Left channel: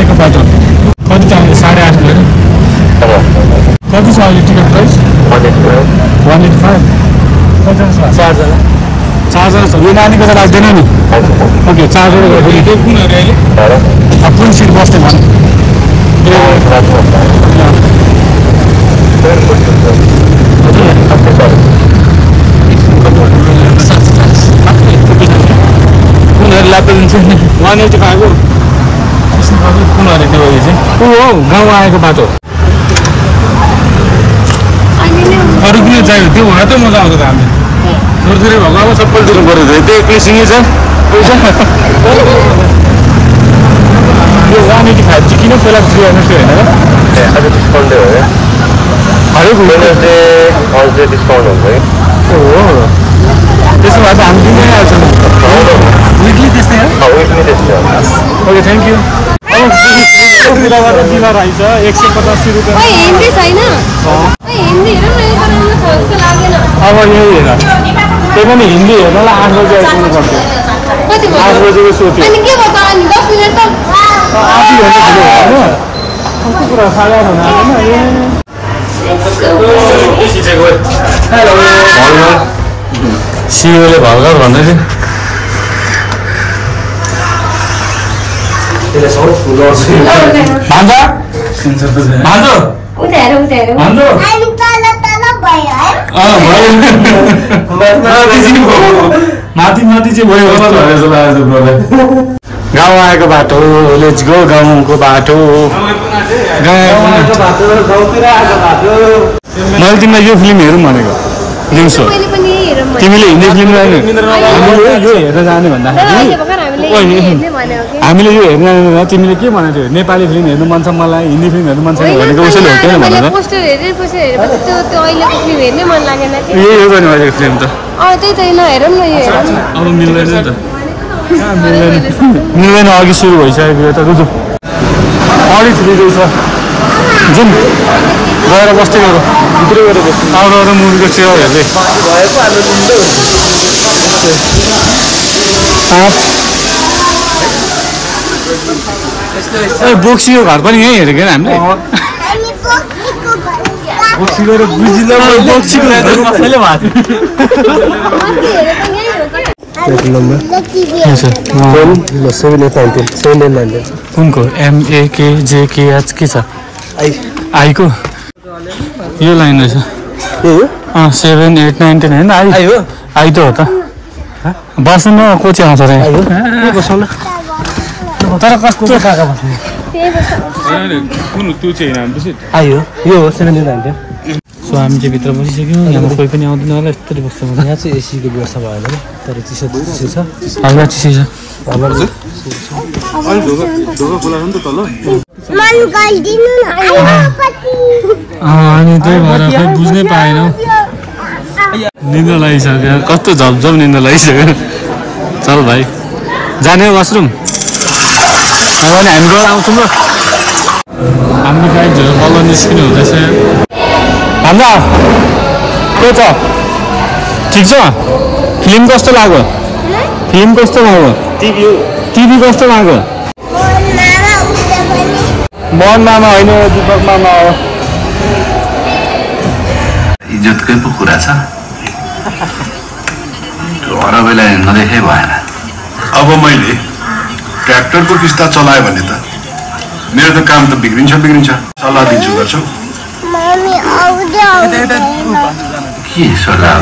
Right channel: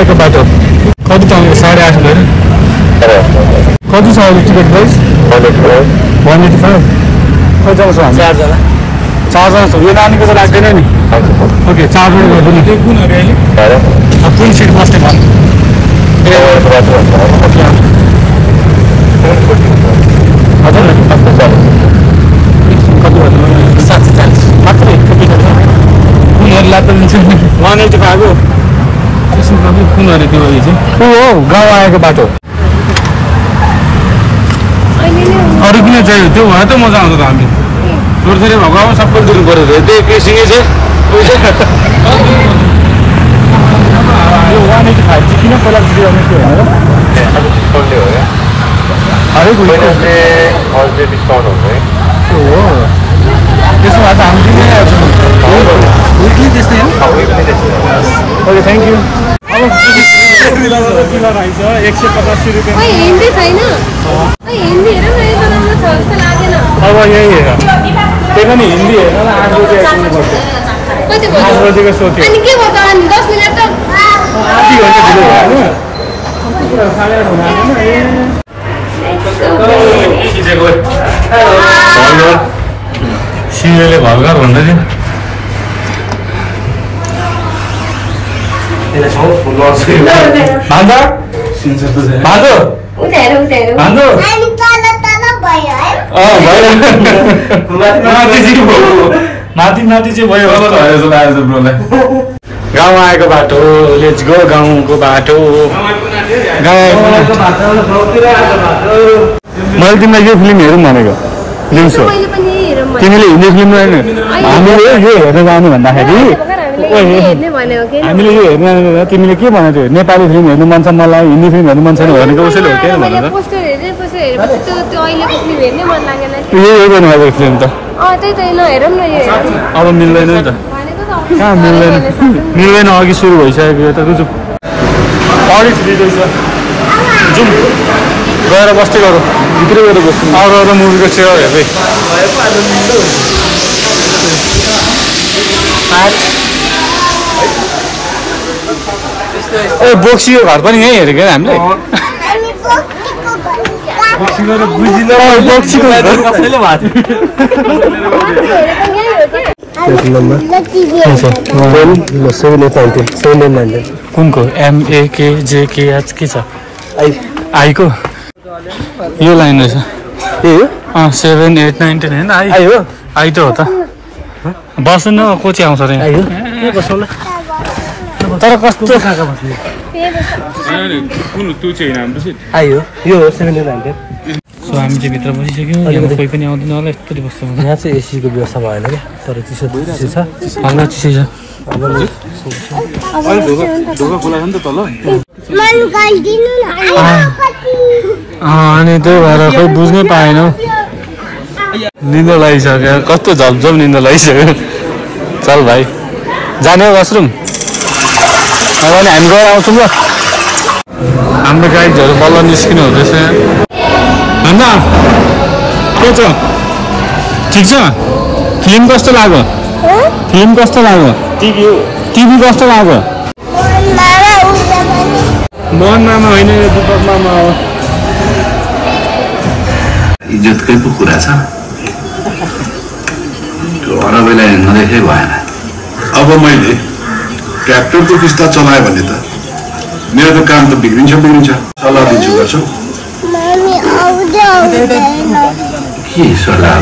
आएको बाटो कति चाहियो 8.5 कति छ अहिले टिकट प्राइस 185 कतिजना छ 4जना छ यो नानीको त राख्दैन नि ओके 4जना गयो के कुनहरु अहिले कुन सिट बस्ने भयो गाउँ आएको बाटो अरू किन चाहियो त्यो भए त मजा आउँछ त हामीले थोरै भगवान् सबैले दिनु पऱ्यो त्यो पेसिङ छ यो रानीको 5G किन पहिला सुरु गर्नुहोस् होइन त्यसो भए त हामी किन आउँछौँ विकली त्यस्तै हो ओके थ्याङ्क यू अब बिलर आइछ 185 रुपियाँ हिन्दी छैन हिन्दी हेरौँ न यो राम्रो छ जस्तो लाग्दैन अब यही हेर त्यही पनि हिन्दी हेर्नलाई 8 बजे आइपुग्नुपर्छ कति बजे 8 बजेको सो थियो अनि के भयो त अनि 10 मिनेट त आधी घन्टा ढिलो भयो हैन कस्तो कुरा 8:30 हुन आएन ए सिंहले भलगर भन्दै थियो भान्जा भान्जो माथि माथि चाहिँ भयो गाउँ आएको बाटो लेट्स गो गाउँको बाटो मैले तिमीलाई यो फिल्म हेरौँ भनेको दिउँसो तिमीले हिन्दी फिल्म हामीले यो हेर्न जानु भन्दाखेरि हामीले यो हेर्न तिमीले के भनेको नेपाली फिल्म हेर्नु मन छ मलाई हिन्दी फिल्म हेर्नु मन छ भनेको उसैले हो किन भनेर यही गर्नुभएको फिल्म त अब मिल्दैन नि त मिल्दैन अघि सुरु भइसकेको यो त रुजु अडिट दिँदैछ जुन गएर बस्दै गरौँ भित्रै गएर अरू मुभीको सेवा हेर्दै ए बोक्सीको घर पनि यहीँ हेरेको हामीले कुनको MAKJKH के छ आईको यो लाइन रहेछ 7 8 9 10 होइन आई त हो त बस्नु न कोची आउँछ रे तर कस्तो सो हामी चाहिँ भित्र बसिसक्यौँ यहाँ कोही पनि आउँदैन होला यस्तरी बस्छ यहाँ चाहिँ एसीको व्यवस्था भएन क्या तर चिसो छ हामीलाई चिसै छ अनि त्यही भएर खै बुझ्नै पाएनौ निन्दा लागिसक्यो कस्तो झपझप निन्दा लागिसक्यो चल भाइ जाने हो वासरुम अब नि हामी गएर आउँछौँ ल हाम्रो गाइडहरू बल्ल निस्किनु हुँदैछ हाम्रा के छ ठिक छ फिल्म कस्तो लाग्यो टिभी कस्तो लाग्यो मन मामा होइन दिपक मामा हो इज्जतकै पो कुरा छ अरबैलाई नदेखे भएन अब मैले ट्र्याक्टरको किस्ता चलायो भने त मेरो त काम त बिग्रिन्छ सल्लाह दिन्छु गर्छौ के सल्लाह